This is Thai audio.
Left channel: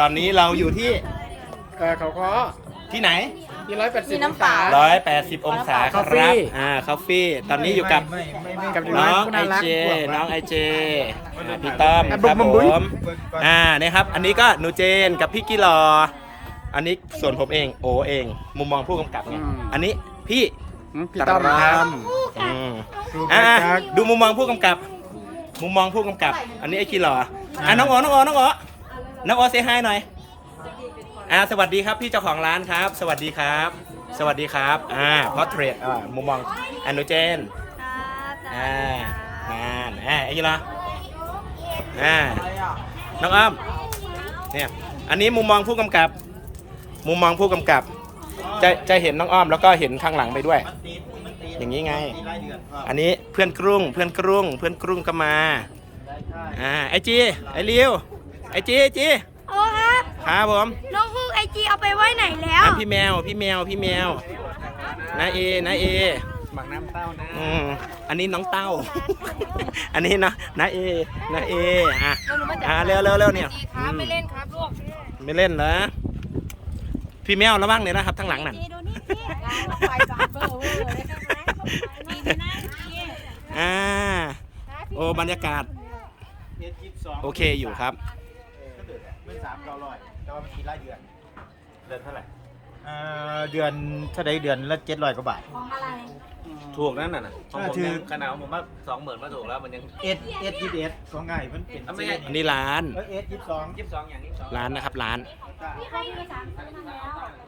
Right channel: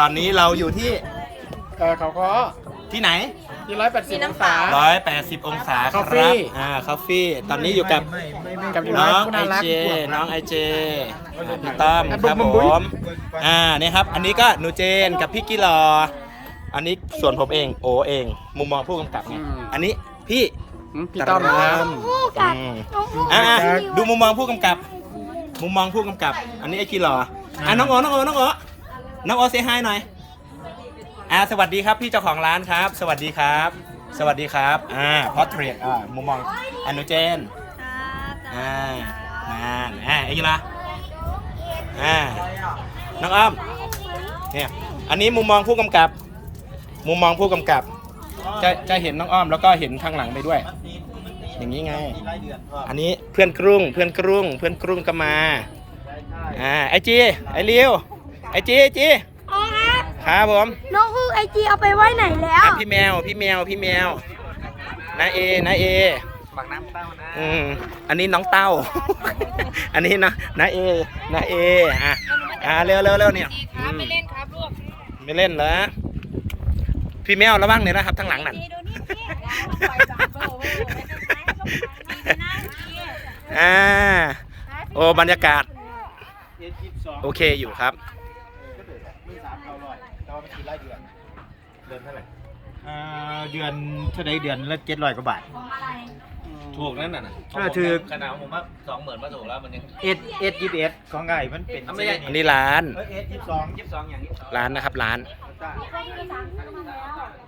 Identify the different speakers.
Speaker 1: ตอนนี้เราอยู่ที่เขาเขาคที่ไหน
Speaker 2: ที่ร้อยแปดสิบองศา
Speaker 1: ร้อยแปดสิบองศาคาเฟ่อ่าคาเฟ่ตอนนี้อยู่กับน้องไอเจน้องไอเจพี่ต้อม ครับผม อ่าเนี่ยครับ อันนี้ก็หนูเจนกับพี่กิลอ อันนี้ส่วนผมเองโอเอง มุมมองผู้กำกับ อันนี้พี่
Speaker 3: พี่ตราม
Speaker 1: ดูมุมมองผู้กำกับ มุมมองผู้กำกับ อันนี้ไอ้ขี้ล่ออ่ะน้องอ๋อน้องอ๋อน้องอ๋อน้องโอสเซให้หน่อยอ่าสวัสดีครับ พี่เจ้าของร้านครับ สวัสดีครับ สวัสดีครับ อ่า พอเทรต อ่ามุมมองอนุเจนค่ะอ่านานอ่าอายุละอ่า น้องอ้อม เนี่ย อันนี้มุมมองผู้กำกับ มุมมองผู้กำกับ จะ จะเห็นน้องอ้อมแล้วก็เห็นข้างหลังไปด้วย อย่างนี้ไงอันนี้เพื่อนกรุง เพื่อนกรุง เพื่อนกรุงก็มา อ่า ไอจี ไอเลี้ยวไอจีไอจีอออครับ ครับผม
Speaker 4: น้องคือไอจีเอาไปไว้ไหนแล้
Speaker 1: วพี่แมว พี่แมว พี่แมวนายเอนายเอ
Speaker 5: บักน้ำเต้านะ
Speaker 1: อืออันนี้น้องเต้า อันนี้นะนายเอนายเออะอ่าเร็วเร็วเร็วเนี่ย ไม่เล่นนะ พี่แมวระวังเนี่ยนะครับทั้งหลังนั่นอ่า โอ้บรรยากาศ โอเคอยู่ครับเดือนเท่าไห
Speaker 2: ร่เดือนเท่าไหร่เดือนละเจ็ดร้อยกว่าบาท
Speaker 6: ถูกนั่นน่ะถ้าถือขนาดผมว่าสองหมื่นมาถูกแล้วมันยัง
Speaker 2: เอ็ดเอ็ดยี่สิบเอ็ดของไงมันเป็น อั
Speaker 1: นนี้ร้านเอ็ยี่สิบสองยี่สิบสอง ร้านนะครับร้านที่ให้ไปสท่าแ